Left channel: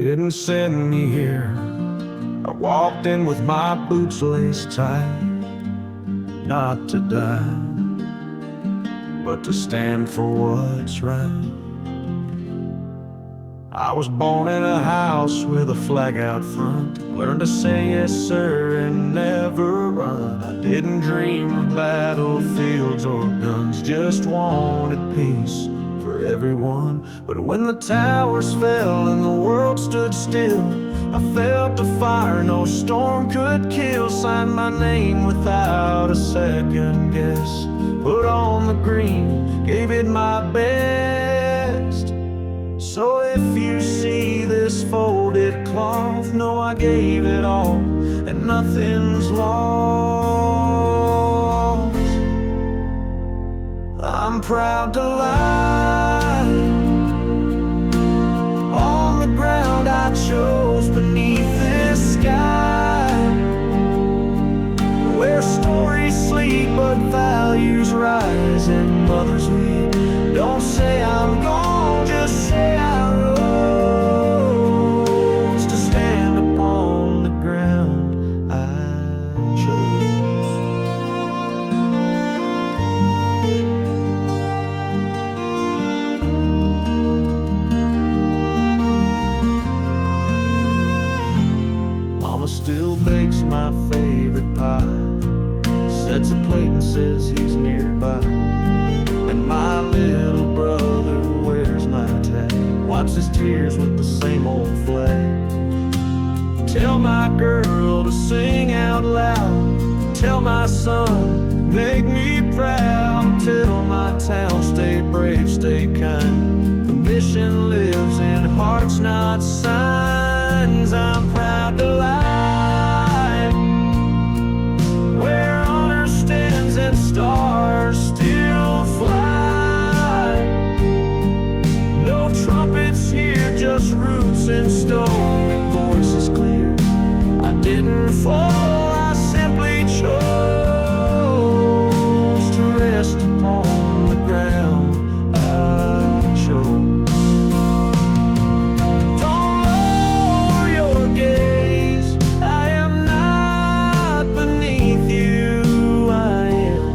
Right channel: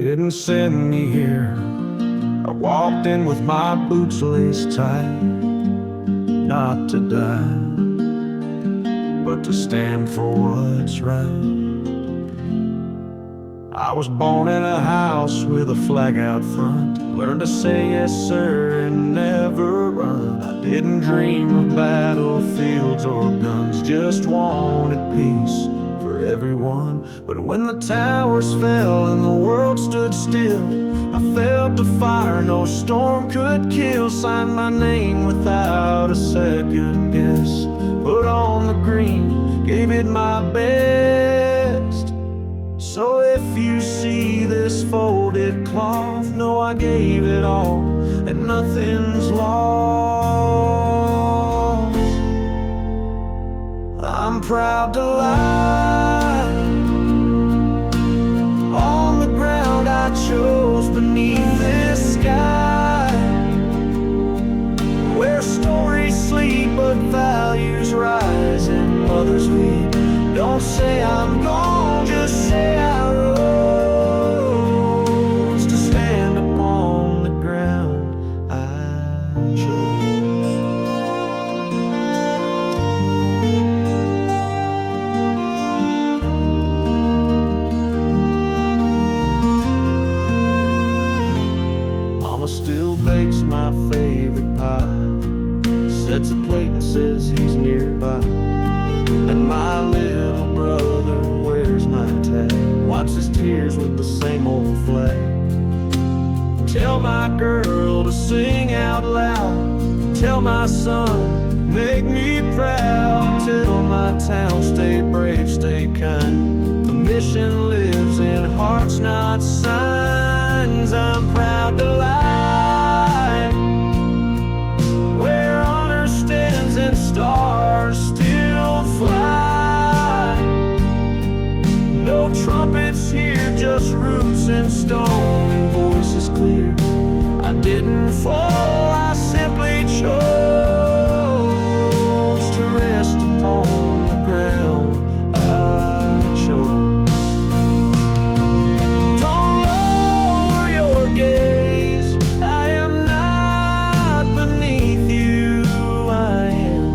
didn't send me here. I walked in with my boots laced tight, not to die, but to stand for what's right. I was born in a house with a flag out front. Learned to say yes sir and never run. I didn't dream of battlefields or guns, just wanted peace for everyone. But when the towers fell and the world stood still, I felt the fire no storm could kill. Signed my name without a second guess, put on the green, gave it my best. So if you see this folded cloth, know I gave it all and nothing's lost. I'm proud to lie on the ground I chose beneath this sky, where stories sleep but values rise and mothers weep. Don't say I'm gone, just say I rose to stand upon the ground I chose. Mama still bakes my favorite pie, sets a plate and says he's nearby. And my little brother wears my tag, wipes his tears with the same old flag. Tell my girl to sing out loud, tell my son, make me proud. Tell my town, stay brave, stay kind. The mission lives in hearts, not signs. I'm proud to lie where honor stands and stars still fly. No trumpets here, just roots in stone and voices clear. I didn't fall, I simply chose to rest upon the ground I chose. Don't lower your gaze, I am not beneath you, I am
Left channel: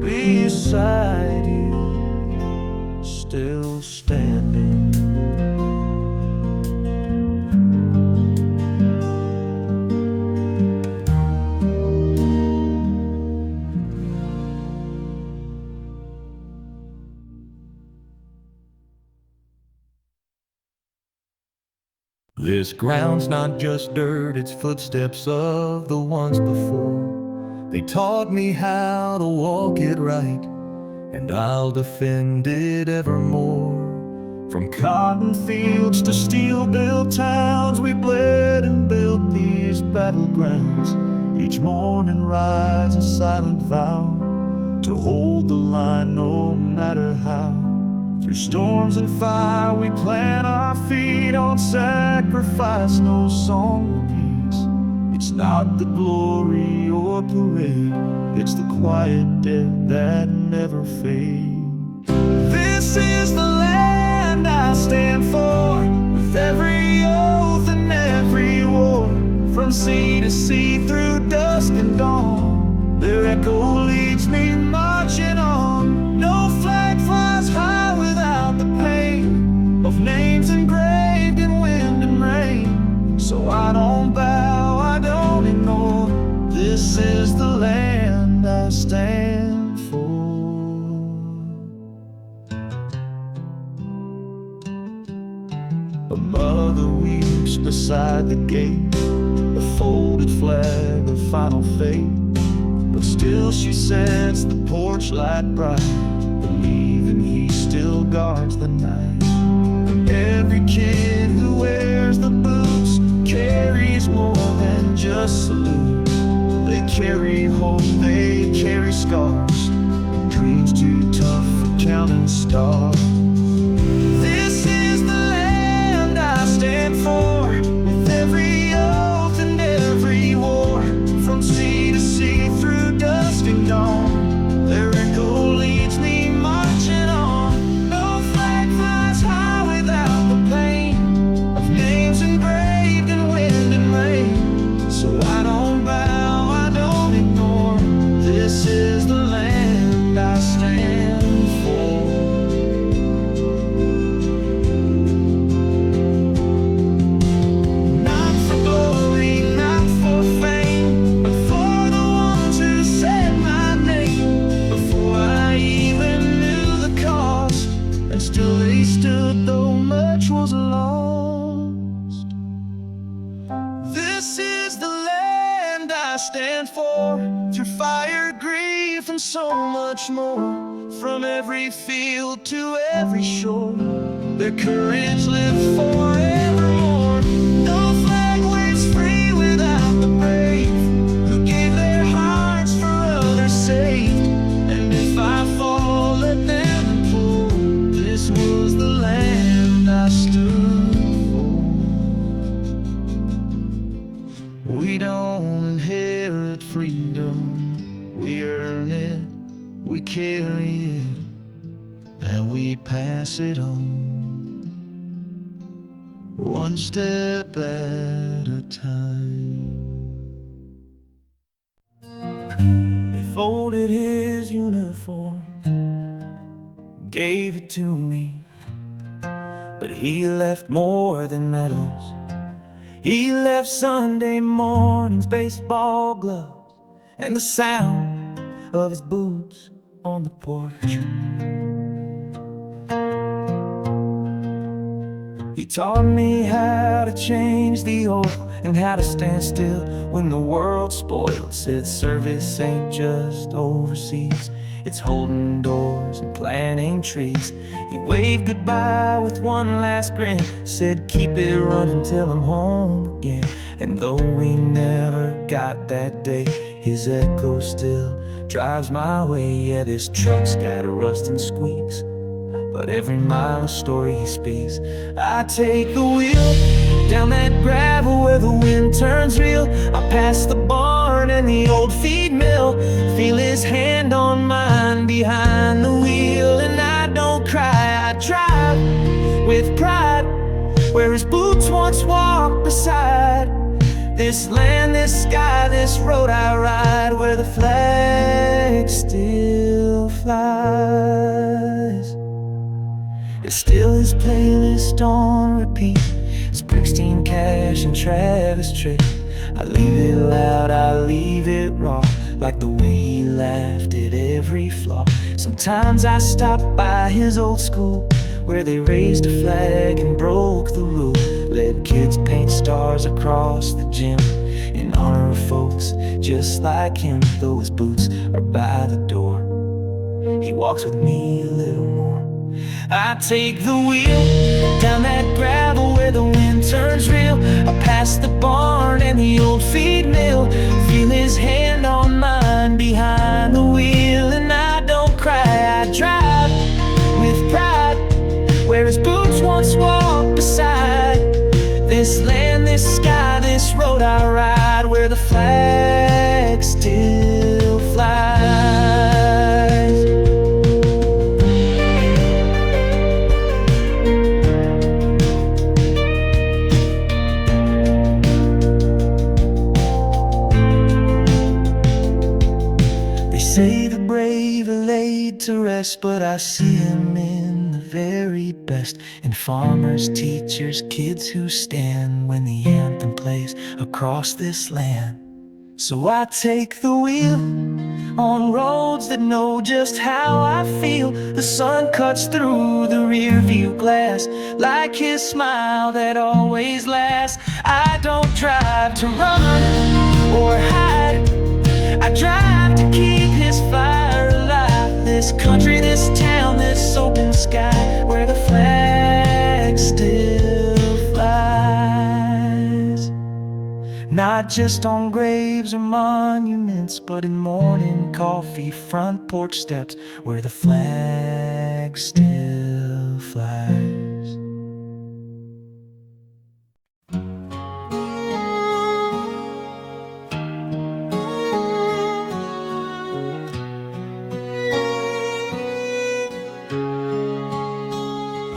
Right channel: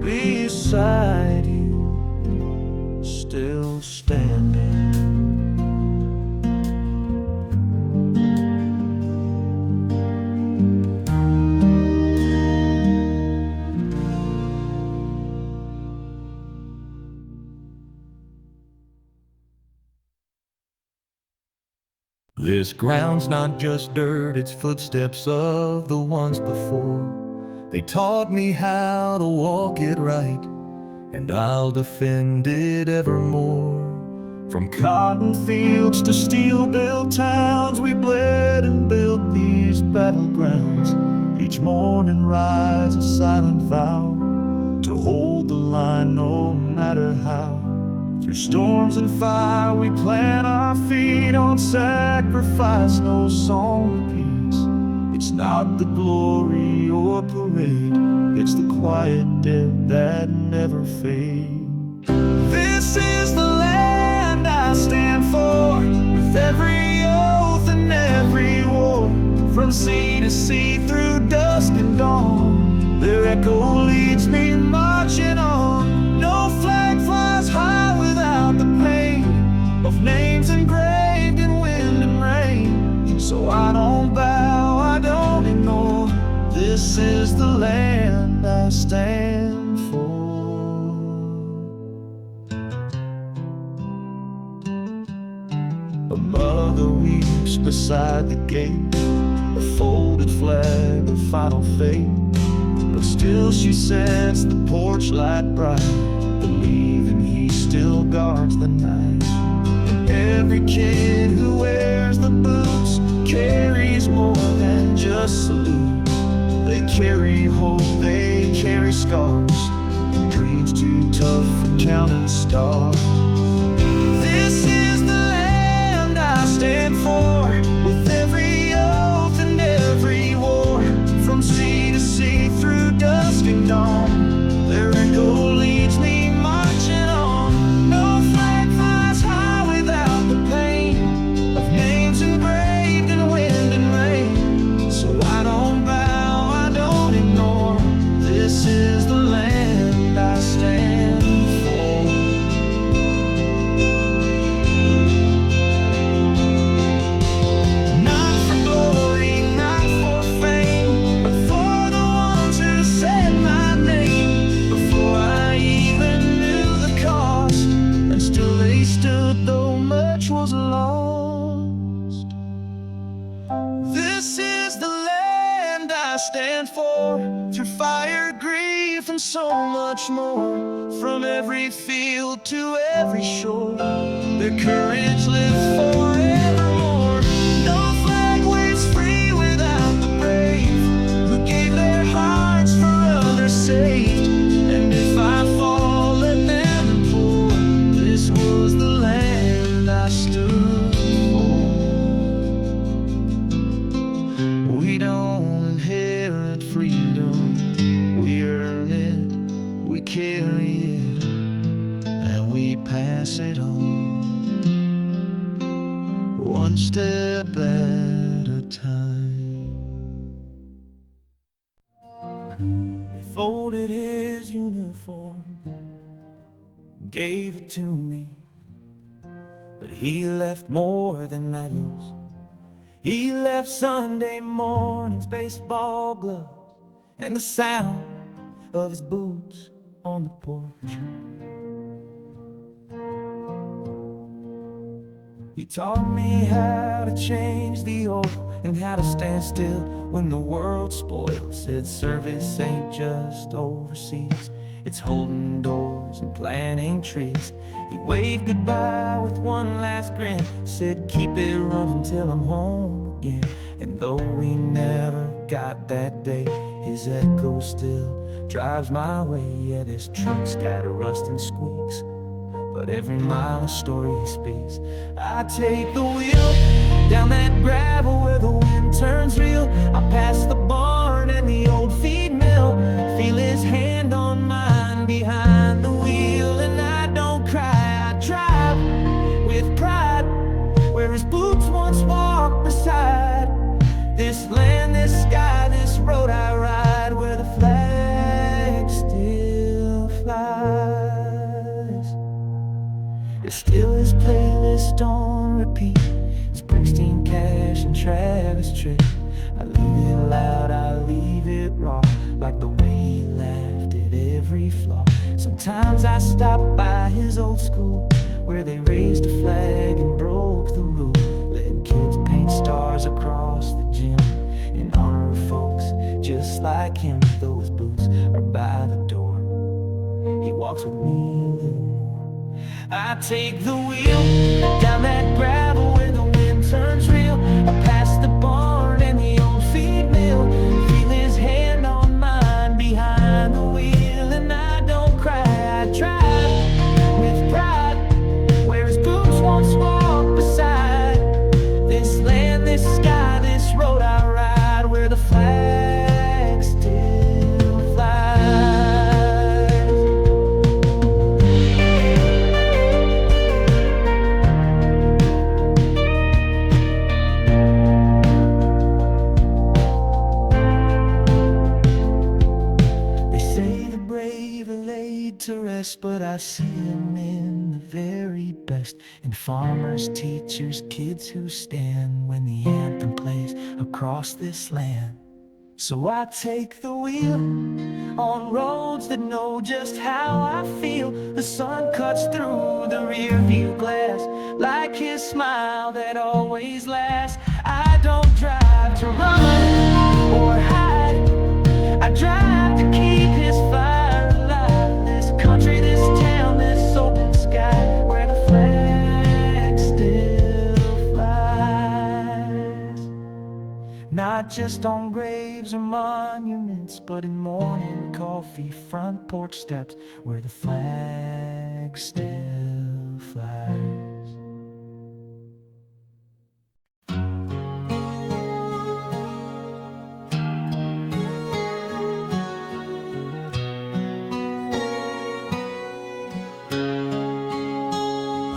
beside you, still standing. This ground's not just dirt, it's footsteps of the ones before. They taught me how to walk it right, and I'll defend it evermore. From cotton fields to steel-built towns, we bled and built these battlegrounds. Each morning rise a silent vow to hold the line no matter how. Through storms and fire we plant our feet on sacrifice, no song repeats. It's not the glory or parade, it's the quiet death that never fades. This is the land I stand for, with every oath and every war. From sea to sea, through dusk and dawn, their echo leads me marching on. No flag flies high without the pain of names engraved in wind and rain. So I don't bow, I don't ignore. This is the land I stand for. A mother weeps beside the gate, a folded flag of final fate. But still she sets the porch light bright, believing he still guards the night. And every kid who wears the boots carries more than just salute. They carry hope, they carry scars, dreams too tough for counting stars. This is the land I stand for, with every oath and every war. From sea to sea, through dusk and dawn, their echo leads me marching on. No flag flies high without the pain I stand for. Through fire, grief, and so much more. From every field to every shore, their courage lives forevermore. No flag waves free without the brave, who gave their hearts for others saved. And if I fall, let them implore, this was the land I stood for. We don't inherit freedom, we earn it, we carry it, and we pass it on, one step at a time. He folded his uniform, gave it to me, but he left more than medals. He left Sunday mornings, baseball gloves, and the sound of his boots on the porch. He taught me how to change the oil and how to stand still when the world's spoiled. Said service ain't just overseas, it's holding doors and planting trees. He waved goodbye with one last grin, said keep it running till I'm home again. And though we never got that day, his echo still drives my way. Yeah, this truck's got a rust and squeaks, but every mile a story he speaks. I take the wheel down that gravel where the wind turns real. I pass the barn and the old feed mill, feel his hand on mine behind the wheel. And I don't cry, I drive with pride where his boots once walked beside. This land, this sky, this road I ride, where the flag still flies. It's still his playlist on repeat, Springsteen, Cash, and Travis Tritt. I leave it loud, I leave it raw, like the way he laughed at every flaw. Sometimes I stop by his old school, where they raised a flag and broke the rule. Let kids paint stars across the gym in honor of folks just like him. Though his boots are by the door, he walks with me a little more. I take the wheel down that gravel where the wind turns real. I pass the barn and the old feed mill, feel his hand on mine behind the wheel. And I don't cry, I drive with pride where his boots once walked beside. This land, this sky, this road I ride, where the flag still flies. They say the brave are laid to rest, but I see him in the very best. In farmers, teachers, kids who stand when the anthem plays across this land. So I take the wheel on roads that know just how I feel. The sun cuts through the rear view glass like his smile that always lasts. I don't drive to run or hide, I drive to keep his fire alive. This country, this town, this open sky, where the flag still flies. Not just on graves or monuments, but in morning coffee, front porch steps, where the flag still flies.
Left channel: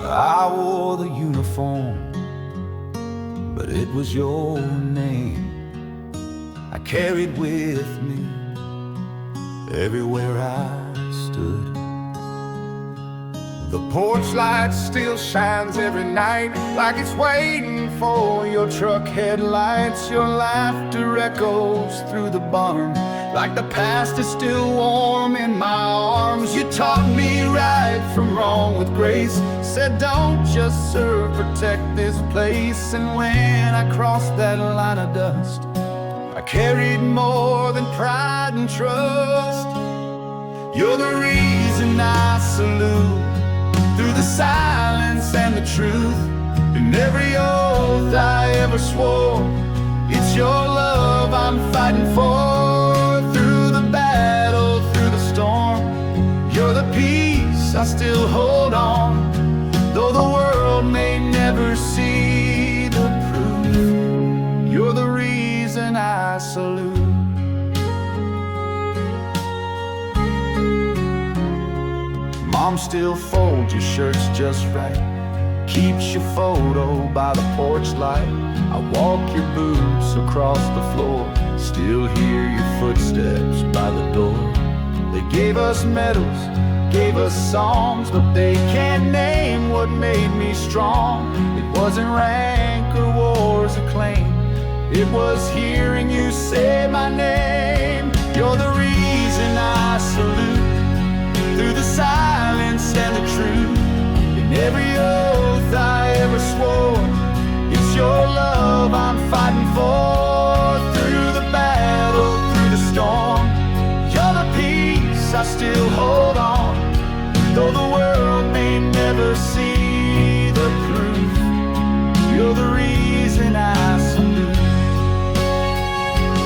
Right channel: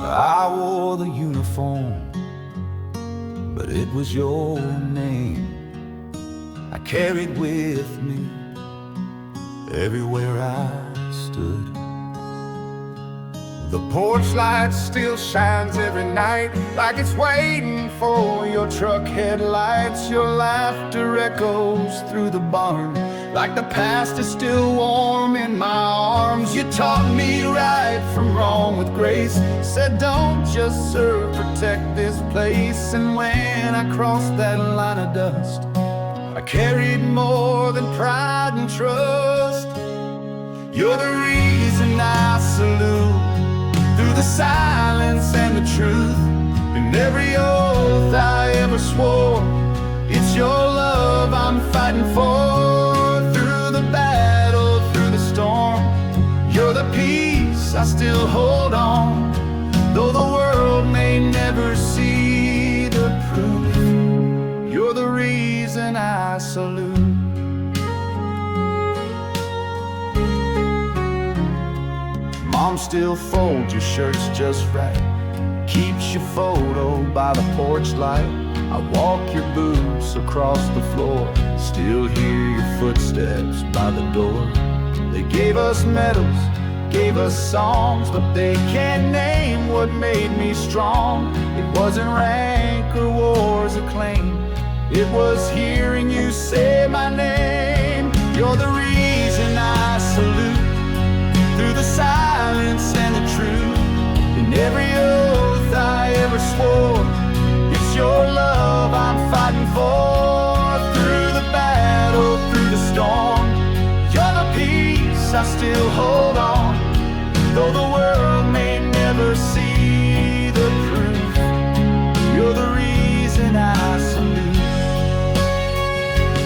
I wore the uniform, but it was your name I carried with me everywhere I stood. The porch light still shines every night, like it's waiting for your truck headlights. Your laughter echoes through the barn, like the past is still warm in my arms. You taught me right from wrong with grace, said don't just serve, protect this place. And when I crossed that line of dust, I carried more than pride and trust. You're the reason I salute, through the silence and the truth. In every oath I ever swore, it's your love I'm fighting for. Through the battle, through the storm, you're the peace I still hold on. Though the world may never see the proof, you're the reason I salute. Mom still folds your shirts just right, keeps your photo by the porch light. I walk your boots across the floor, still hear your footsteps by the door. They gave us medals, gave us songs, but they can't name what made me strong. It wasn't rank or war's acclaim, it was hearing you say my name. You're the reason I salute, through the silence and the truth. In every oath I ever swore, it's your love I'm fighting for. Through the battle, through the storm, you're the peace I still hold on. Though the world may never see the proof, you're the reason I salute.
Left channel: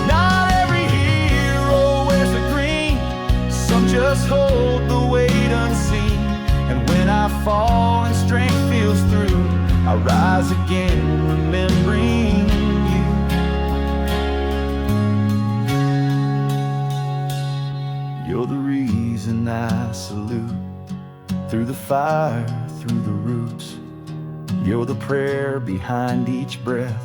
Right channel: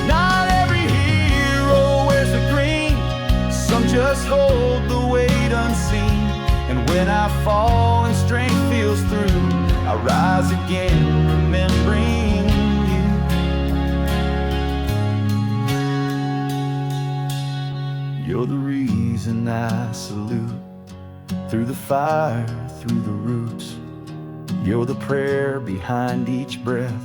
Not every hero wears the green, some just hold the weight unseen. And when I fall and strength feels through, I rise again remembering you. You're the reason I salute, through the fire, through the roots. You're the prayer behind each breath,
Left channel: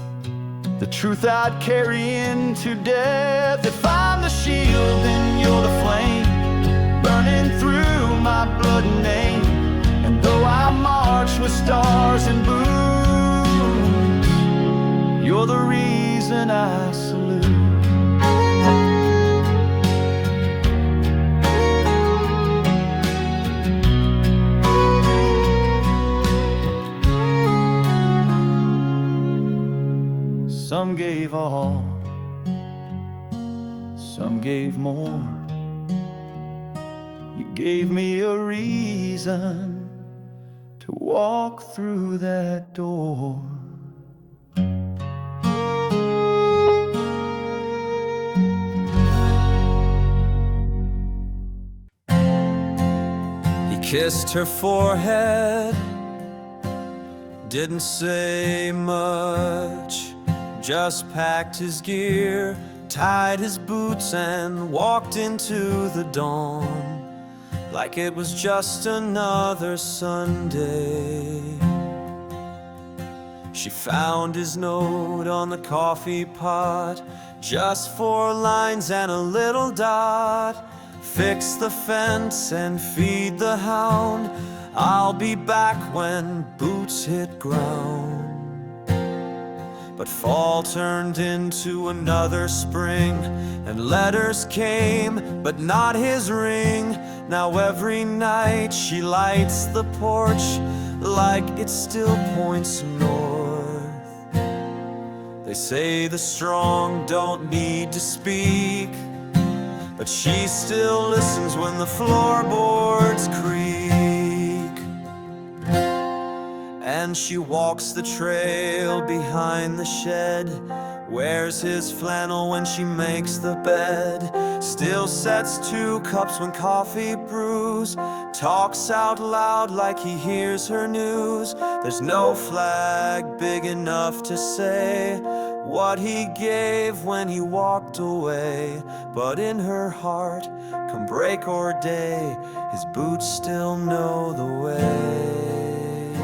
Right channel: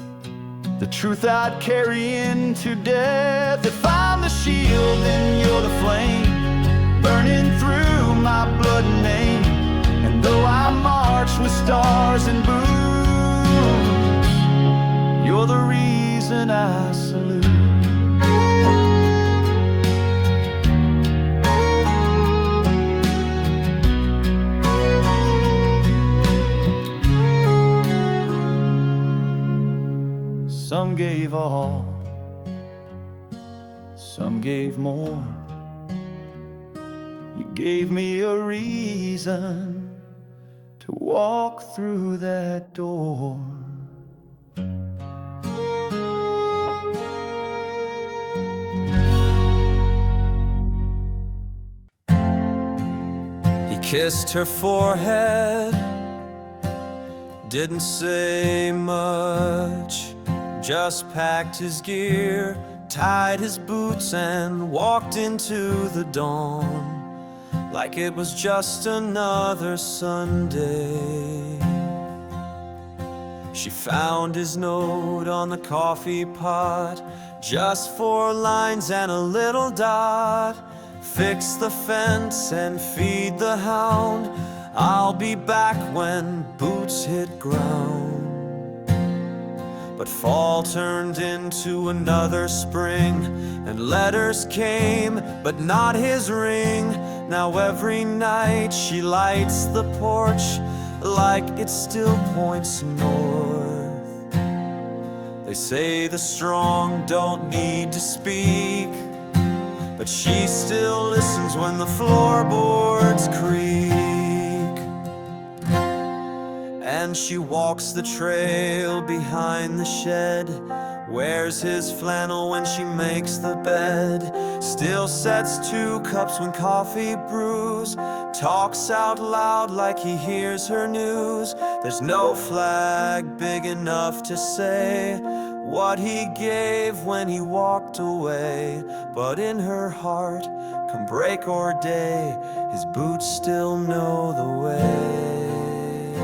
the truth I'd carry into death. If I'm the shield, then you're the flame, burning through my blood and name. And though I march with stars and boots, you're the reason I salute. Some gave all, some gave more. You gave me a reason to walk through that door. He kissed her forehead, didn't say much, just packed his gear, tied his boots and walked into the dawn like it was just another Sunday. She found his note on the coffee pot, just 4 lines and a little dot. Fix the fence and feed the hound, I'll be back when boots hit ground. But fall turned into another spring, and letters came, but not his ring. Now every night she lights the porch like it still points north. They say the strong don't need to speak, but she still listens when the floorboards creak. And she walks the trail behind the shed, wears his flannel when she makes the bed, still sets 2 cups when coffee brews, talks out loud like he hears her news. There's no flag big enough to say what he gave when he walked away, but in her heart, come break or day, his boots still know the way.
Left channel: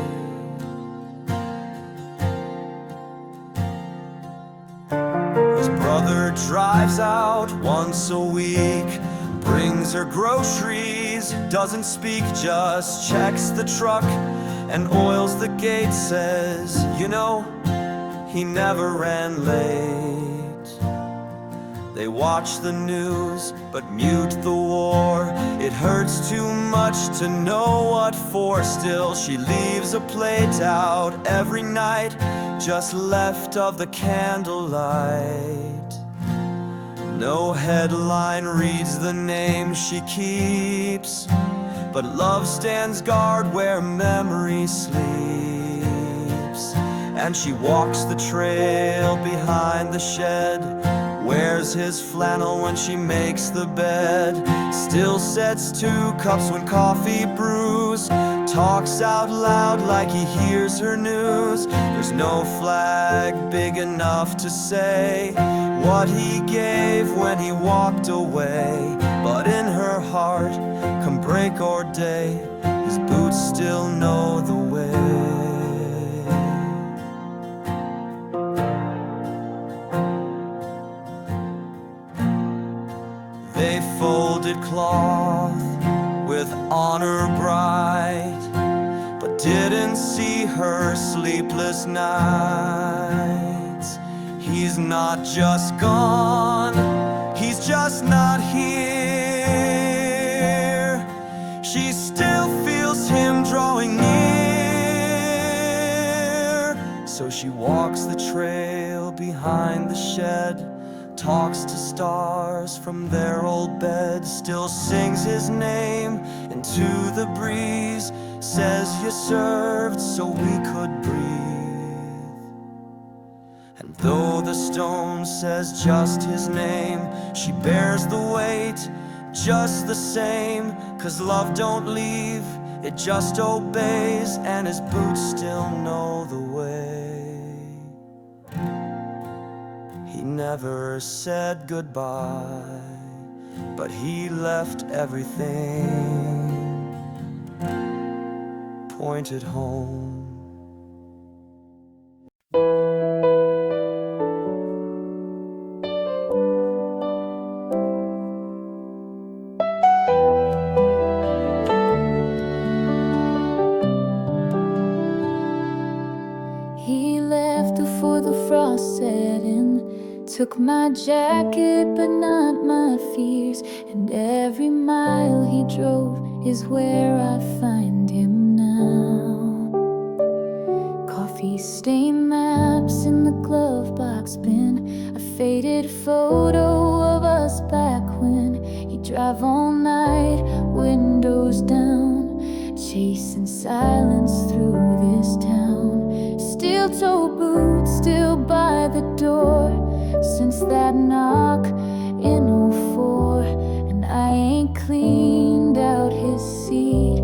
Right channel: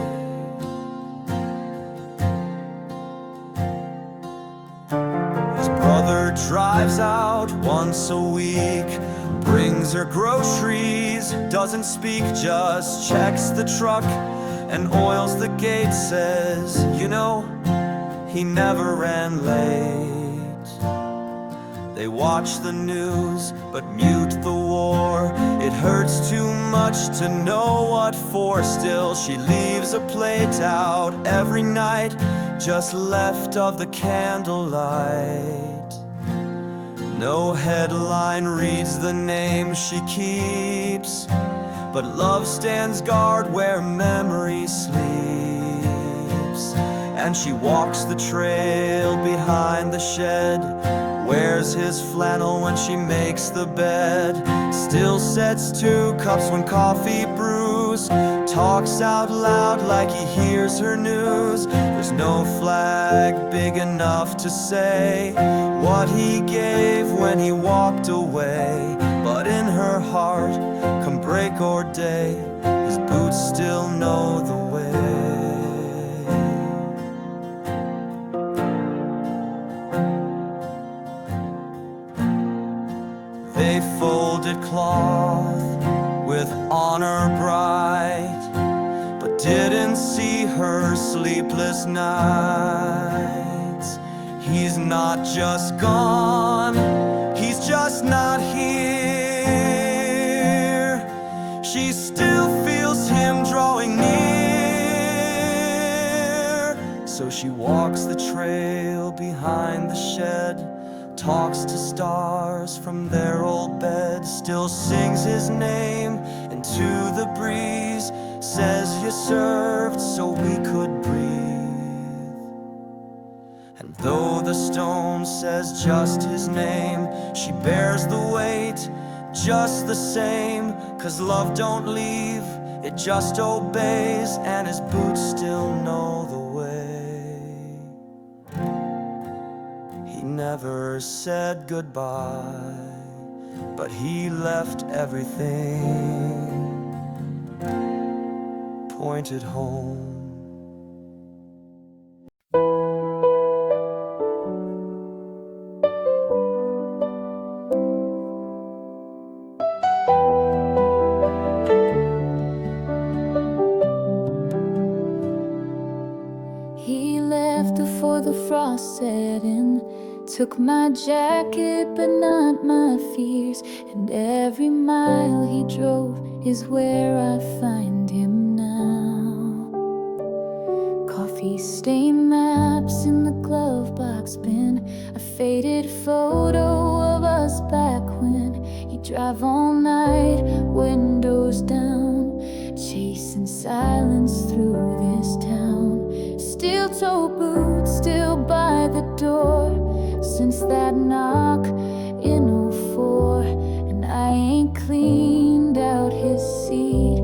His brother drives out once a week, brings her groceries, doesn't speak, just checks the truck and oils the gate. Says, you know, he never ran late. They watch the news, but mute the war. It hurts too much to know what for. Still, she leaves a plate out every night, just left of the candlelight. No headline reads the name she keeps, but love stands guard where memory sleeps. And she walks the trail behind the shed, wears his flannel when she makes the bed, still sets 2 cups when coffee brews, talks out loud like he hears her news. There's no flag big enough to say what he gave when he walked away, but in her heart, come break or day, his boots still know the way. They folded cloth with honor bright, but didn't see her sleepless nights. He's not just gone, he's just not here. She still feels him drawing near. So she walks the trail behind the shed, talks to stars from their old bed, still sings his name into the breeze, says you served so we could breathe. And though the stone says just his name, she bears the weight just the same, 'cause love don't leave, it just obeys, and his boots still know the way. He never said goodbye, but he left everything pointed home. He left before the frost set in, took my jacket but not my fears, and every mile he drove is where I find him now. Coffee-stained maps in the glove box bin, a faded photo of us back when he'd drive all night, windows down, chasing silence through this town. Steel-toe boots still by the door since that knock in '04, and I ain't cleaned out his seat.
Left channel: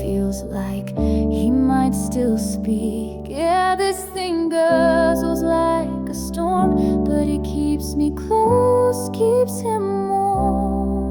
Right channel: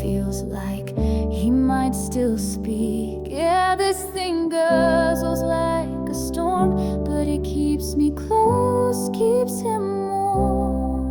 Feels like he might still speak. Yeah, this thing guzzles like a storm, but it keeps me close, keeps him warm.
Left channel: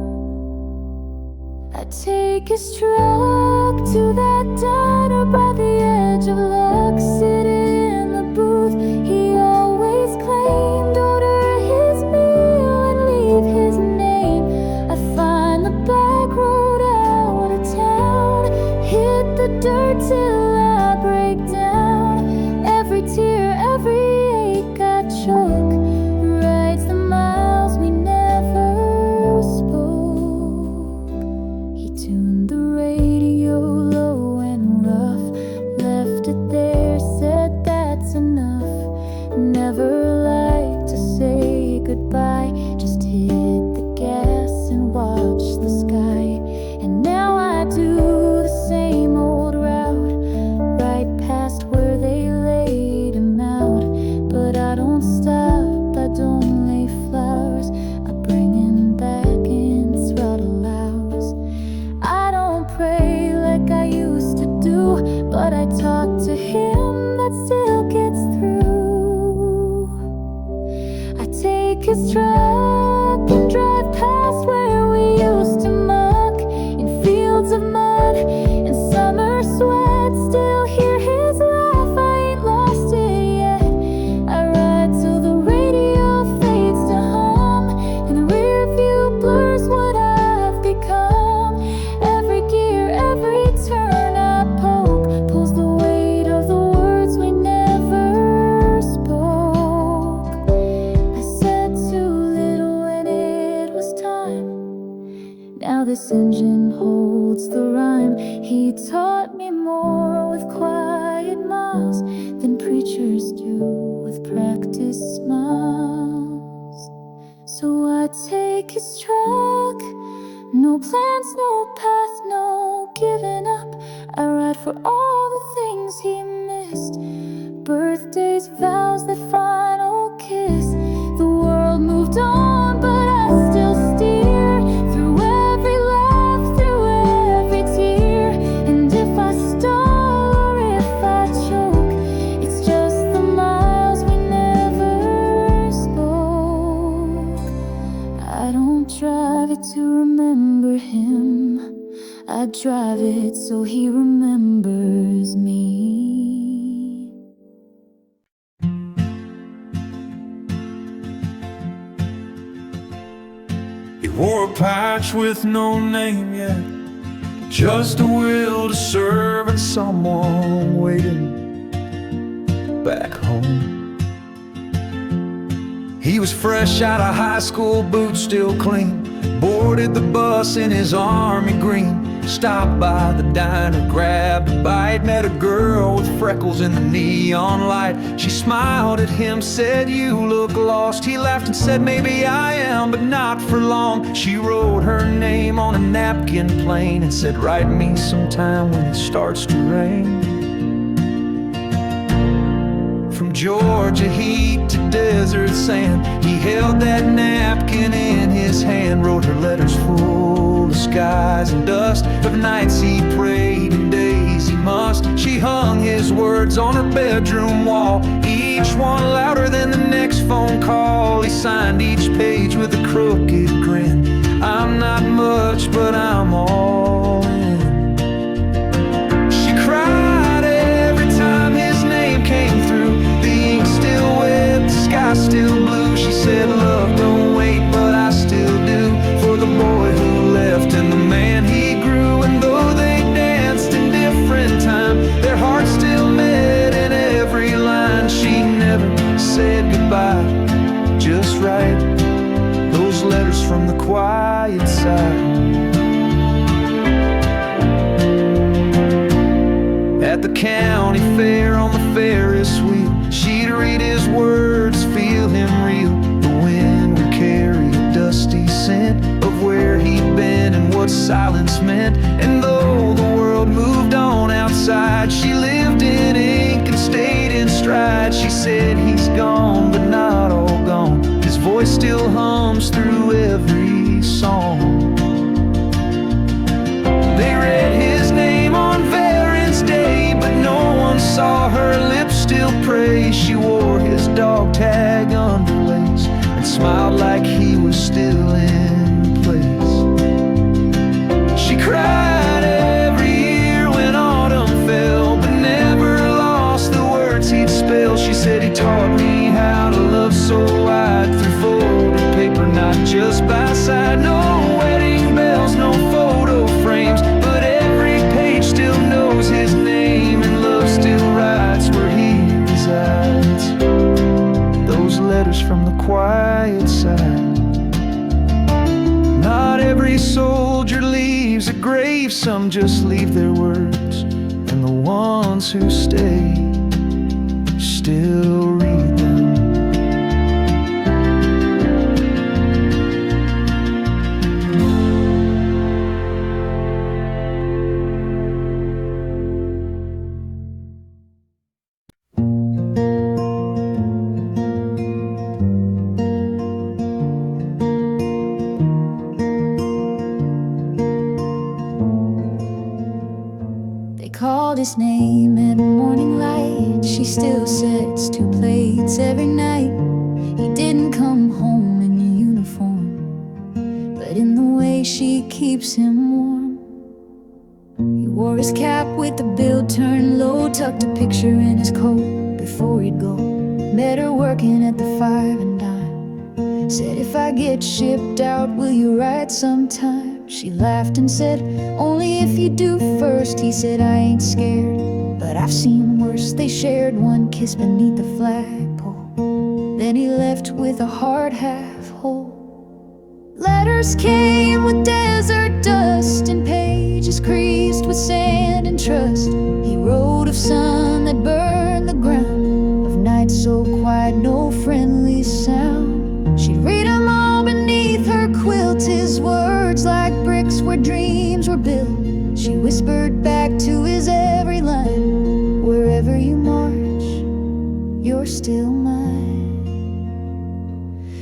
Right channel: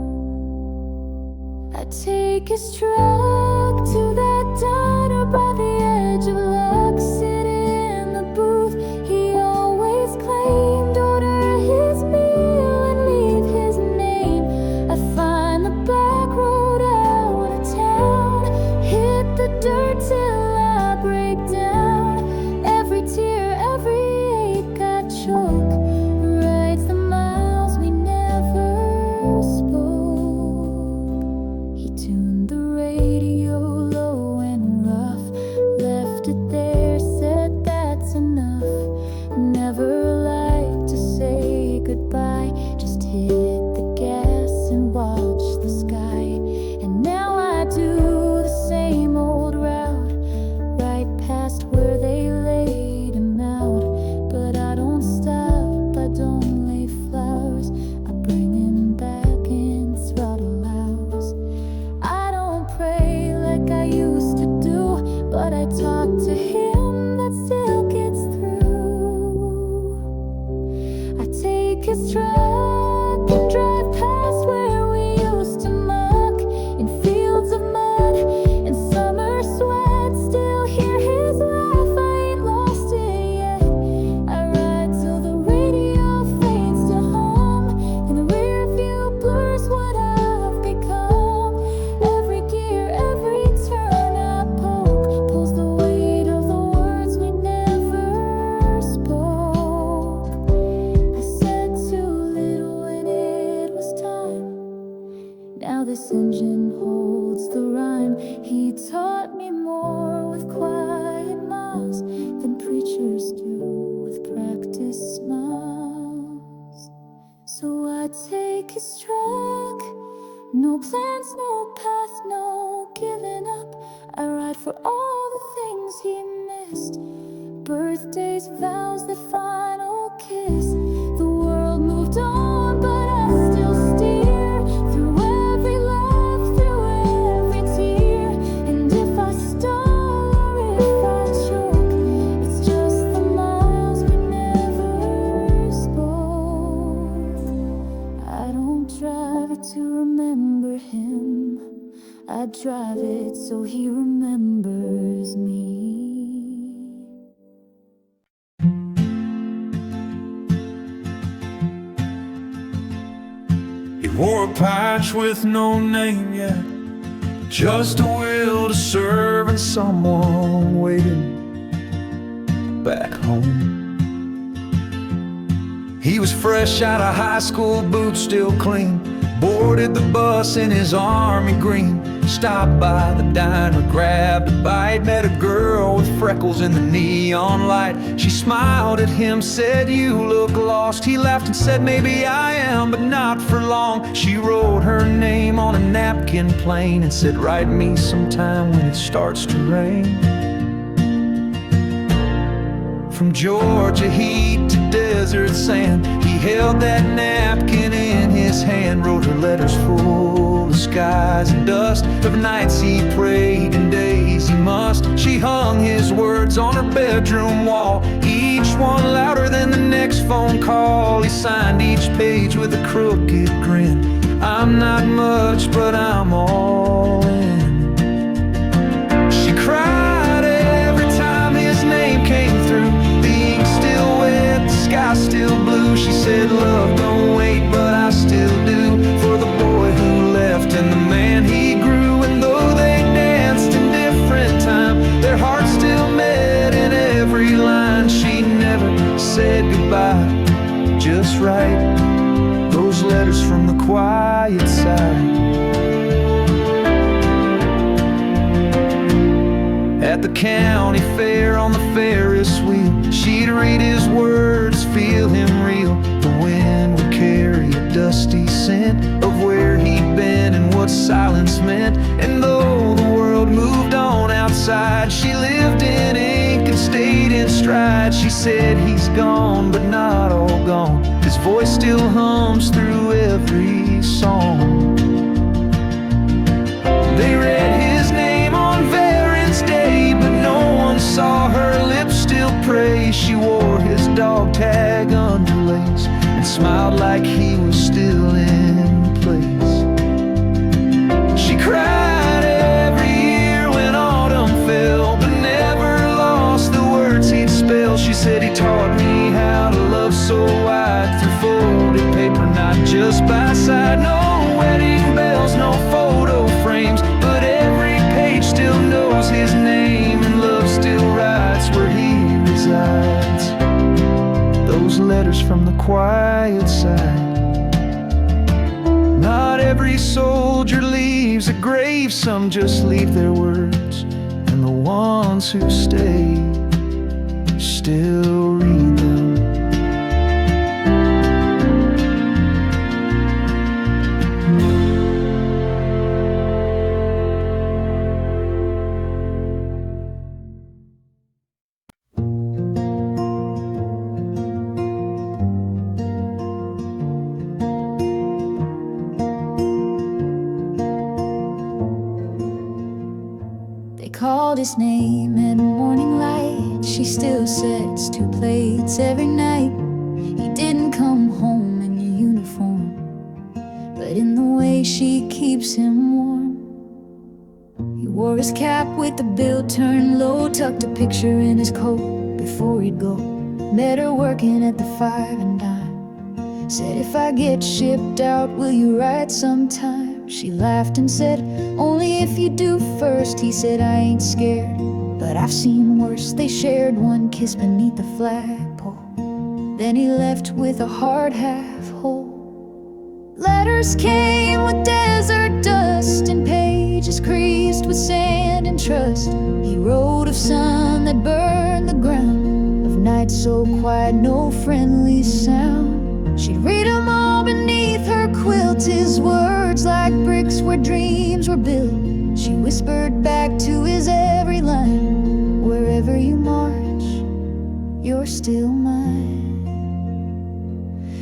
I take his truck to that diner by the edge of luck, sit in the booth he always claimed, order his meal and leave his name. I find the back road out of town, hit the dirt till I break down. Every tear, every ache I choke, writes the miles we never spoke. He tuned the radio low and rough, left it there, said that's enough. Never liked to say goodbye, just hit the gas and watch the sky. And now I do the same old route, right past where they laid him out. But I don't stop, I don't lay flowers, I bring him back and throttle hours. I don't pray like I used to do, but I talk to him, that still gets through. I take his truck and drive past where we used to muck, in fields of mud and summer sweat. Still hear his laugh, I ain't lost it yet. I ride till the radio fades to hum, and the rear view blurs what I've become. Every gear, every turn I poke, pulls the weight of the words we never spoke. I said too little when it was time. Now this engine holds the rhyme. He taught me more with quiet miles than preachers do with practice smiles. So So I take his truck. No plans, no path, no giving up. I ride for all the things he missed. Birthdays, vows, that final kiss. The world moved on, but I still steer through every laugh, through every tear. And if I stall or if I choke, it's just the miles we never spoke. I don't drive it to remember him, I drive it so he remembers me. He wore a patch with no name yet, just a will to serve and someone waiting back home. He was fresh out of high school, boots still clean, boarded the bus in his army green, stopped by the diner, grabbed a bite, met a girl with freckles in the neon light. She smiled at him, said, "You look lost." He laughed and said, "Maybe I am, but not for long." She wrote her name on a napkin plain and said, "Write me sometime when it starts to rain." From Georgia heat to desert sand, he held that napkin in his hand, wrote her letters full of skies and dust, of nights he prayed and days he must. She hung his words on her bedroom wall, each one louder than the next phone call. He signed each page with a crooked grin. "I'm not much, but I'm all in." She cried every time his name came through. The ink still wet, the sky still blue. She said, "Love don't wait, but I still do, for the boy who left and the man he grew." And though they danced in different time, their hearts still met in every line. She never said goodbye, just write those letters from the quiet side. At the county fair on the Ferris wheel, she'd read his words, feel him reel. The wind would carry a dusty scent of where he'd been and what silence meant. And though the world moved on outside, she lived in ink and stayed in stride. She said, "He's gone, but not all gone. His voice still hums through every song." They read his name on Veterans Day, but no one saw her lips still pray. She wore his dog tag underlace and smiled like he was still in place. She cried every year when autumn fell, but never lost the words he'd spell. She said, "He taught me how to love so wide, through folded paper, not just by side. No wedding bells, no photo frames, but every page still knows his name, and love still writes where he resides." Those letters from the quiet side. Not every soldier leaves a grave, some just leave their words, and the ones who stay still read them. Called his name at morning light. She still sets 2 plates every night. He didn't come home in uniform, but in the way she keeps him warm. He wore his cap with the bill turned low, tucked a picture in his coat before he'd go. Met her working at the 5 and dime. Said, "If I get shipped out, will you write sometime?" She laughed and said, "Only if you do first." He said, "I ain't scared, but I've seen worse." They shared one kiss beneath the flagpole. Then he left with a heart half whole. Letters came with desert dust and pages creased with sand and trust. He wrote of sun that burned the ground, of nights so quiet, no friendly sound. She'd read 'em all beneath her quilt, his words like bricks where dreams were built. She whispered back to his every line, wherever you march, you're still mine.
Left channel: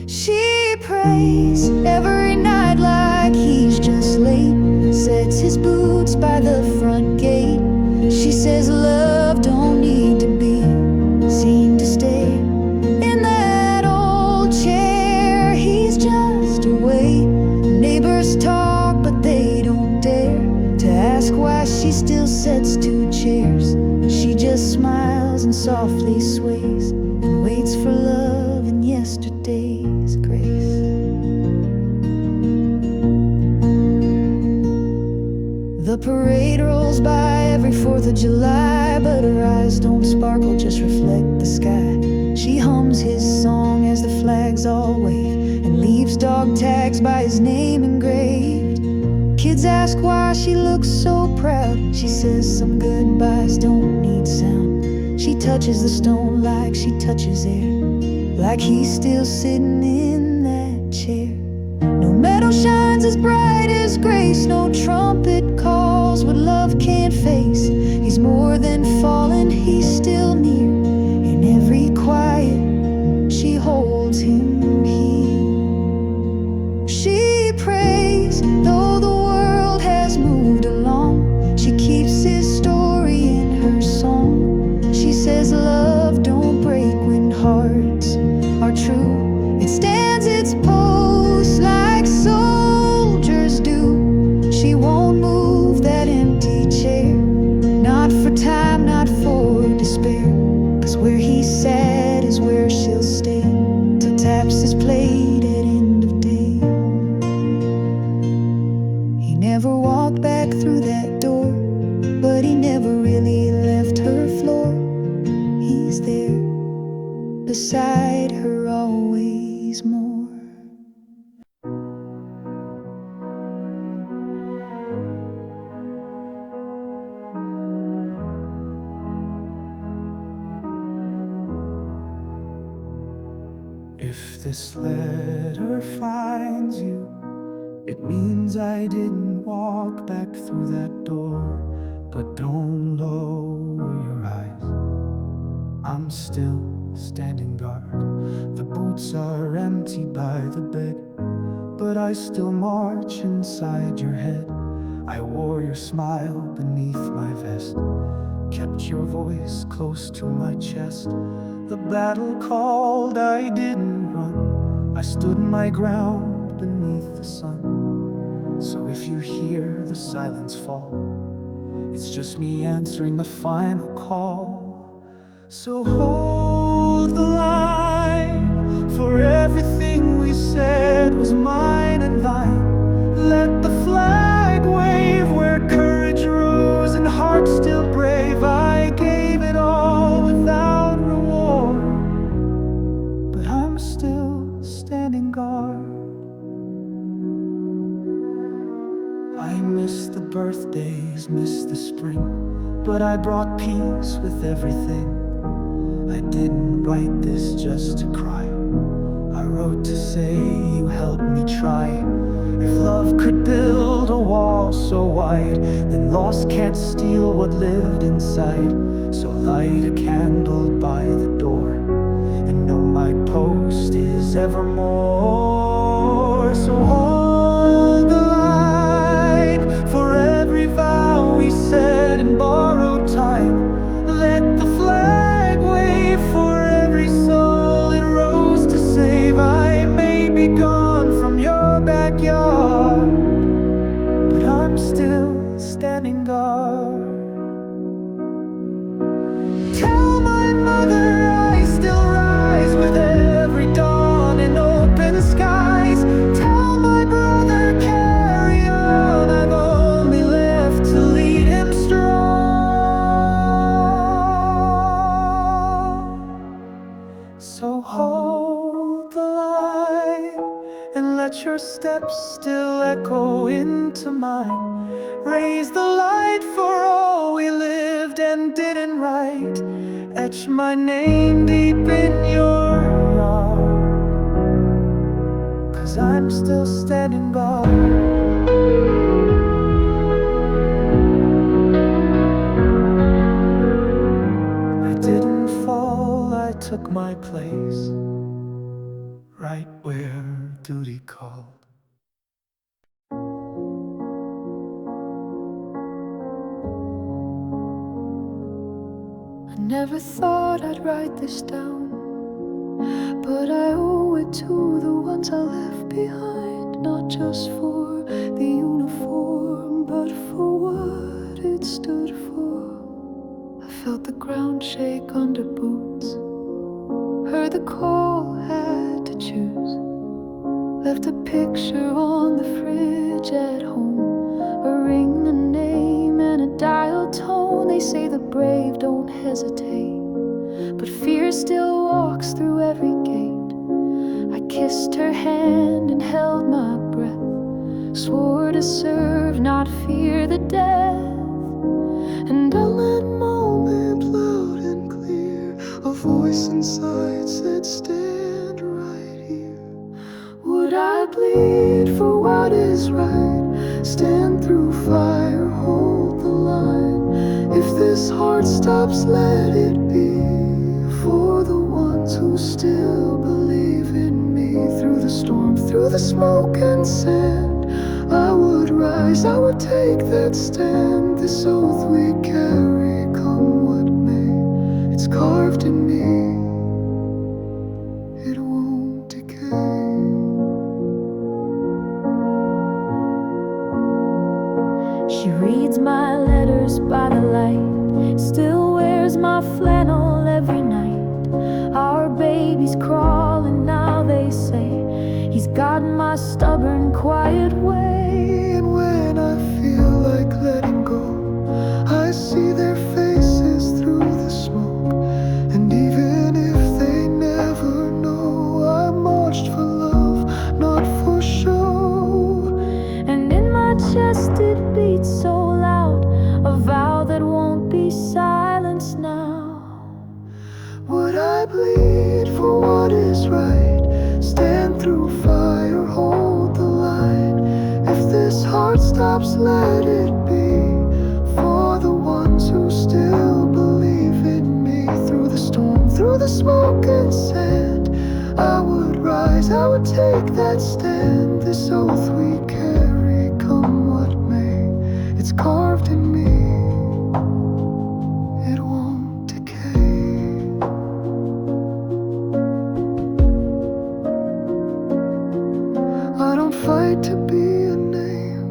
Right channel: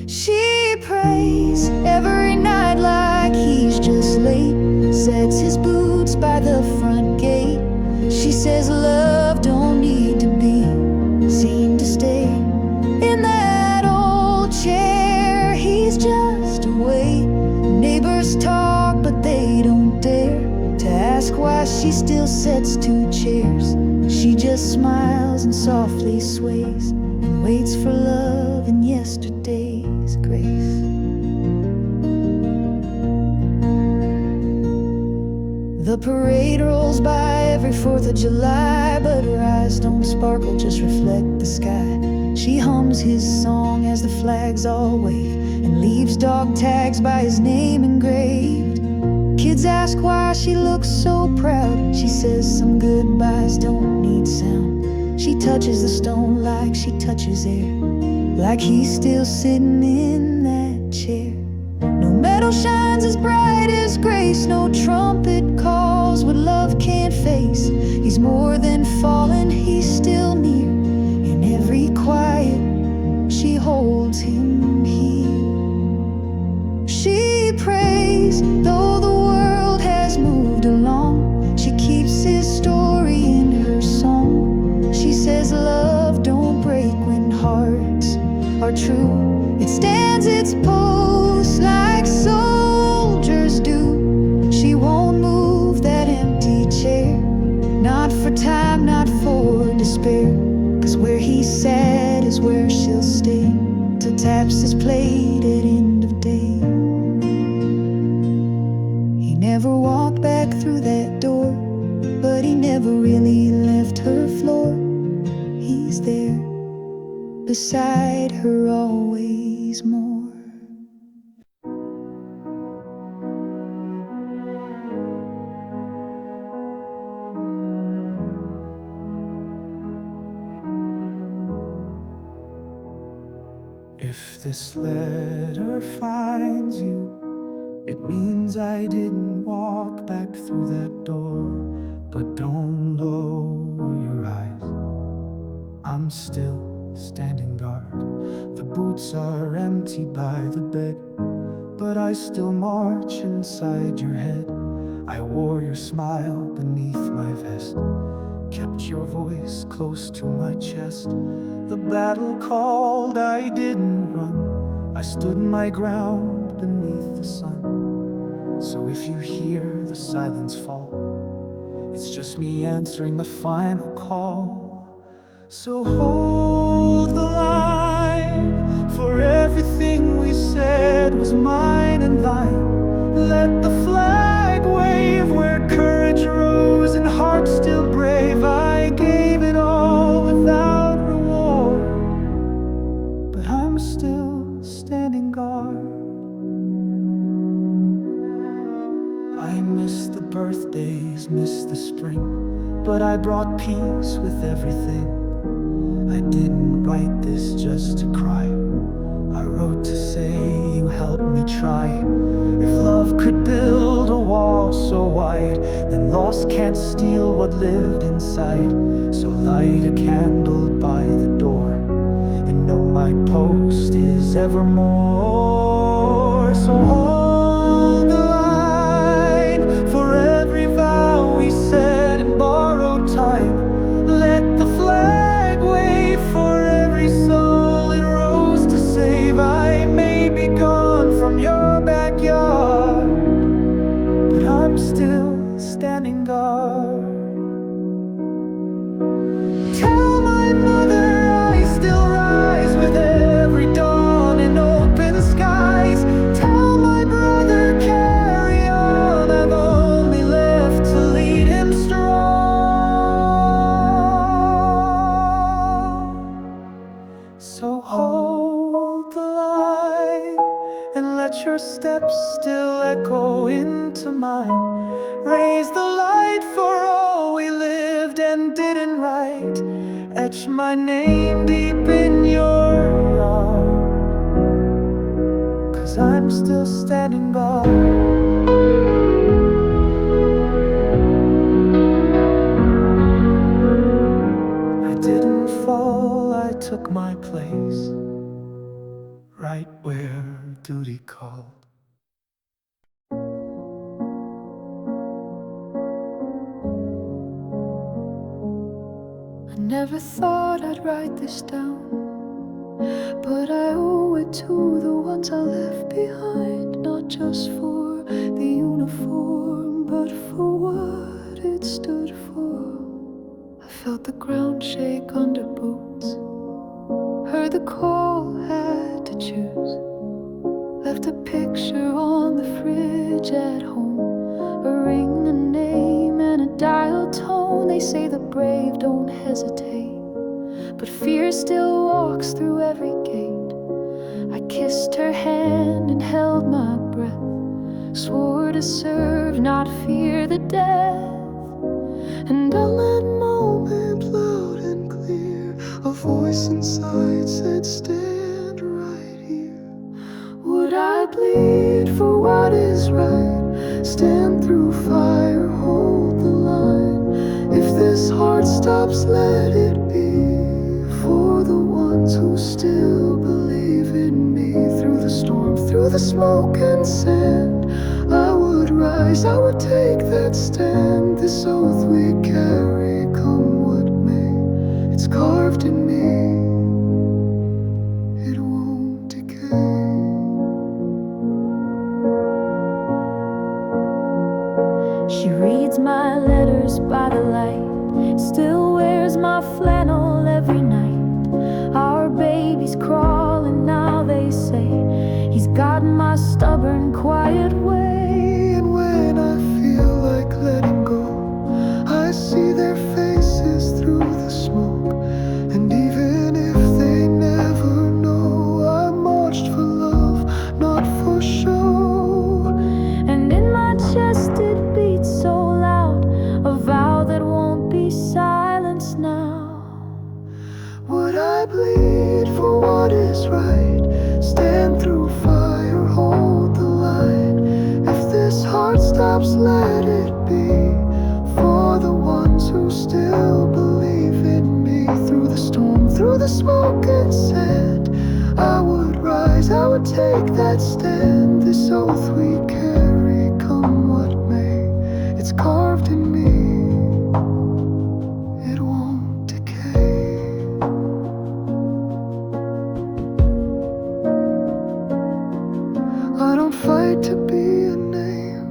She prays every night like he's just late, sets his boots by the front gate. She says love don't need to be seen to stay in that old chair. He's just away. Neighbors talk but they don't dare to ask why she still sets two chairs. She just smiles and softly sways and waits for love in yesterday's grace. The parade rolls by every 4th of July, but her eyes don't sparkle, just reflect the sky. She hums his song as the flags all wave and leaves dog tags by his name engraved. Kids ask why she looks so proud. She says some goodbyes don't need sound. She touches the stone like she touches air, like he's still sitting in that chair. No metal shines as bright as grace, no trumpet calls what love can't face. He's more than fallen, he's still near. In every quiet, she holds him here. She prays, though the world has moved along, she keeps his story in her song. She says love don't break when hearts are true. It stands its post like soldiers do. She won't move that empty chair, not for time, not for despair. 'Cause where he sat is where she'll stay, till taps his plate at end of day. He never walked back through that door, but he never really left her floor. He's there, beside her always more. If this letter finds you, it means I didn't walk back through that door. But don't lower your eyes, I'm still standing guard. The boots are empty by the bed, but I still march inside your head. I wore your smile beneath my vest, kept your voice close to my chest. The battle called, I didn't run, I stood my ground beneath the sun. So if you hear the silence fall, it's just me answering the final call. So hold the line, for everything we said was mine and thine. Let the flag wave where courage rose and heart still brave. I gave it all without reward, but I'm still standing guard. I miss the birthdays, miss the spring, but I brought peace with everything. I didn't write this just to cry, I wrote to say you helped me try. If love could build a wall so wide, then loss can't steal what lived inside. So light a candle by the door, and know my post is evermore. So hold the line, for every vow we said in borrowed time. Let the flag wave for every soul it rose to save. I may be gone from your backyard, but I'm still standing guard. Tell my mother I still rise with every dawn in open skies. Tell my brother carry on, I've only left to lead him strong. So hold the line and let your steps still echo into mine. Raise the light for all we lived and didn't write. Etch my name deep in your heart. 'cause I'm still standing by. I didn't fall, I took my place, right where duty called. I never thought I'd write this down, but I owe it to the ones I left behind. Not just for the uniform, but for what it stood for. I felt the ground shake under boots, heard the call, had to choose. Left a picture on the fridge at home, a ring, a name, and a dial tone. They say the brave don't hesitate, but fear still walks through every gate. I kissed her hand and held my breath, swore to serve, not fear the death. And on that moment, loud and clear, a voice inside said, stand right here. Would I bleed for what is right? Stand through fire, hold the line. If this heart stops, let it be for the ones who still believe in me. Through the storm, through the smoke and sand, I would rise, I would take that stand. This oath we carry, come what may, it's carved in me, it won't decay. She reads my letters by the light, still wears my flannel every night. Our baby's crawling now, they say. He's got my stubborn, quiet way. And when I feel like letting go, I see their faces through the smoke. And even if they never know, I marched for love, not for show. And in my chest it beats so loud, a vow that won't be silenced now. Would I bleed for what is right? Stand through fire, hold the line. If this heart stops, let it be for the ones who still believe in me. Through the storm, through the smoke and sand, I would rise, I would take that stand. This oath we carry, come what may, it's carved in me, it won't decay. I don't fight to be a name,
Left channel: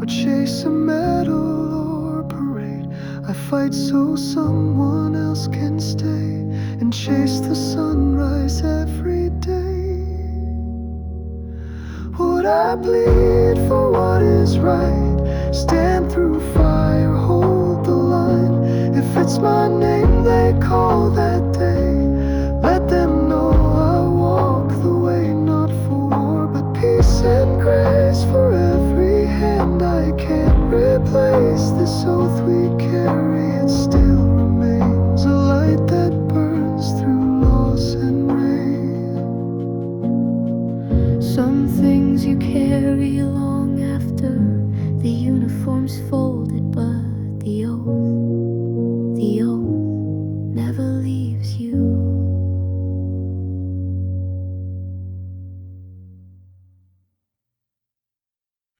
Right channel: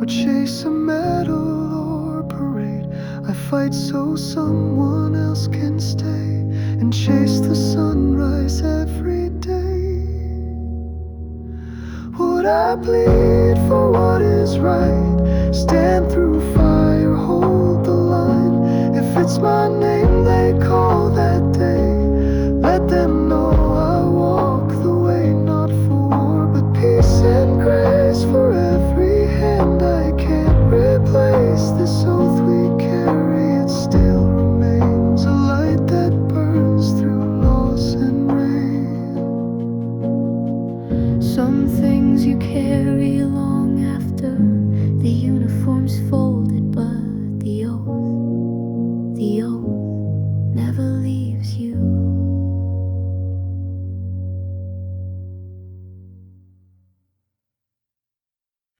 or chase a medal or parade. I fight so someone else can stay and chase the sunrise every day. Would I bleed for what is right? Stand through fire, hold the line. If it's my name they call, that